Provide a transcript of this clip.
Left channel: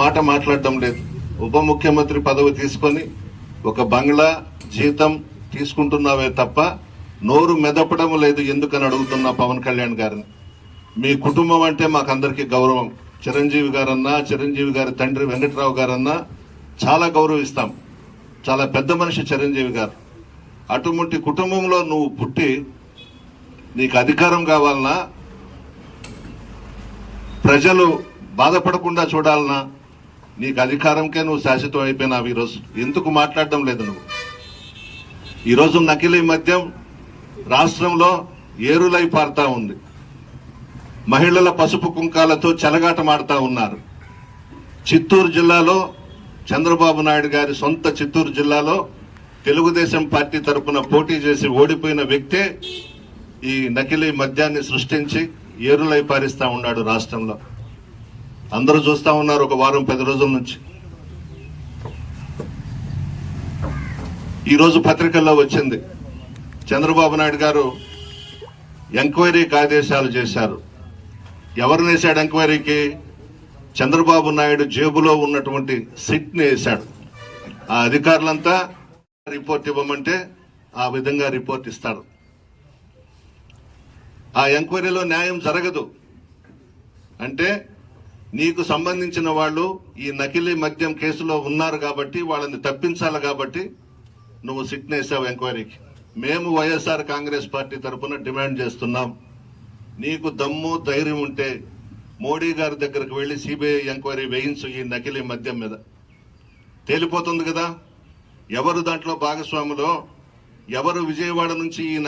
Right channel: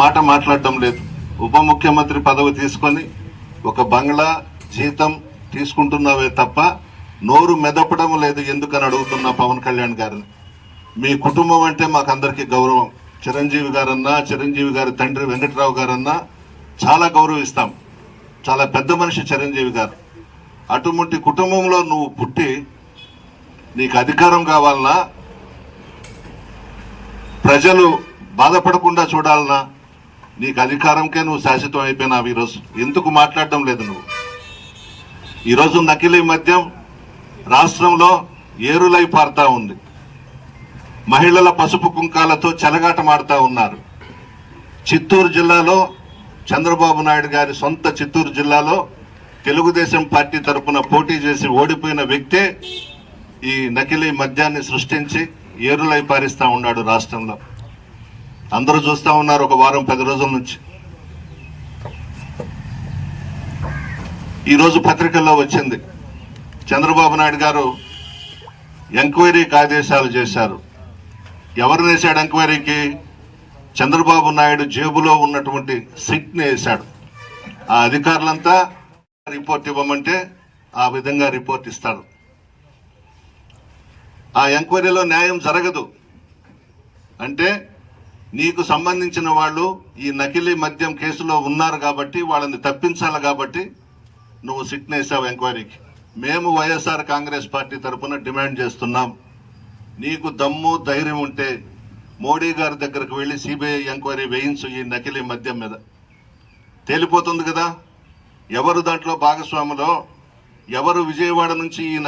మాట మాట్లాడటం లేదు. ఉప ముఖ్యమంత్రి పదవి తీసుకొని ఒక బంగ్లా జీతం తీసుకుంటున్నావే తప్ప నోరు మెదపడం లేదు ఎందుకని అడుగుతున్నా పవన్ కళ్యాణ్ గారిని. మీ కుటుంబం అంటే మాకందరికీ గౌరవం. చిరంజీవి గారన్నా, చిరంజీవి గారి తండ్రి వెంకట్రావు గారన్నా చాలా గౌరవిస్తాం. చాలా పెద్ద మనిషి చిరంజీవి గారు. అటువంటి కుటుంబంలో నువ్వు పుట్టి నీకు అధికారం కావాలన్నా, ప్రజలు బాధపడకుండా చూడాలన్నా, నీకు అధికారంకే నువ్వు శాశ్వతం అయిపోయినావు. ఈరోజు ఎందుకు మాట్లాడడం లేదు నువ్వు? ఈరోజు నకిలీ మద్యం రాష్ట్రంలో ఏరులై పారుతా ఉంది. మహిళల పసుపు కుంకాలతో చెలగాటమాడుతా ఉన్నారు. చిత్తూరు జిల్లాలో చంద్రబాబు నాయుడు గారి సొంత చిత్తూరు జిల్లాలో తెలుగుదేశం పార్టీ తరఫున పోటీ చేసి ఓడిపోయిన వ్యక్తే ఈ నకిలీ మద్యాన్ని సృష్టించి ఏరులై పారిస్తా ఉన్నాడు రాష్ట్రంలో. అందరూ చూస్తా ఉన్నారు ఒక వారం 10 రోజుల నుంచి. ఈరోజు పత్రికల్లో వచ్చింది, చంద్రబాబు నాయుడు గారు ఎంక్వైరీకి ఆదేశాలు చేశారు. ఎవరు వేశాడు ఎంక్వైరీకి? చంద్రబాబు నాయుడు జేబులో ఉన్నటువంటి సిట్ ని వేశాడు. ఆ అధికారులంతా రిపోర్ట్ ఇవ్వమంటే ఆ విధంగా రిపోర్ట్ ఇస్తాడు. ఆ ఎంక్వైరీలో న్యాయం జరగదు. అంటే నీకు సంబంధించిన వాళ్ళు ఈ నకిలీ మద్యం కేసులో ఉన్నారు కాబట్టి వాళ్ళని తప్పించాలి కాబట్టి నువ్వు సిట్ వేసావు ఎంక్వైరీకి. మేము వైఎస్ఆర్ కాంగ్రెస్ పార్టీ తరఫున డిమాండ్ చేస్తున్నాం, నీకు దమ్ము ధైర్యం ఉంటే మోడీ గారి దగ్గరకు వెళ్లి సిబిఐ ఎంక్వైరీ వేయించు. ఈ నకిలీ మద్యం మీద తేలిపోతుంది కదా ఎవరు దాంట్లో భాగస్వాములో, ఎవరు విజయవాడ నుంచి ఈ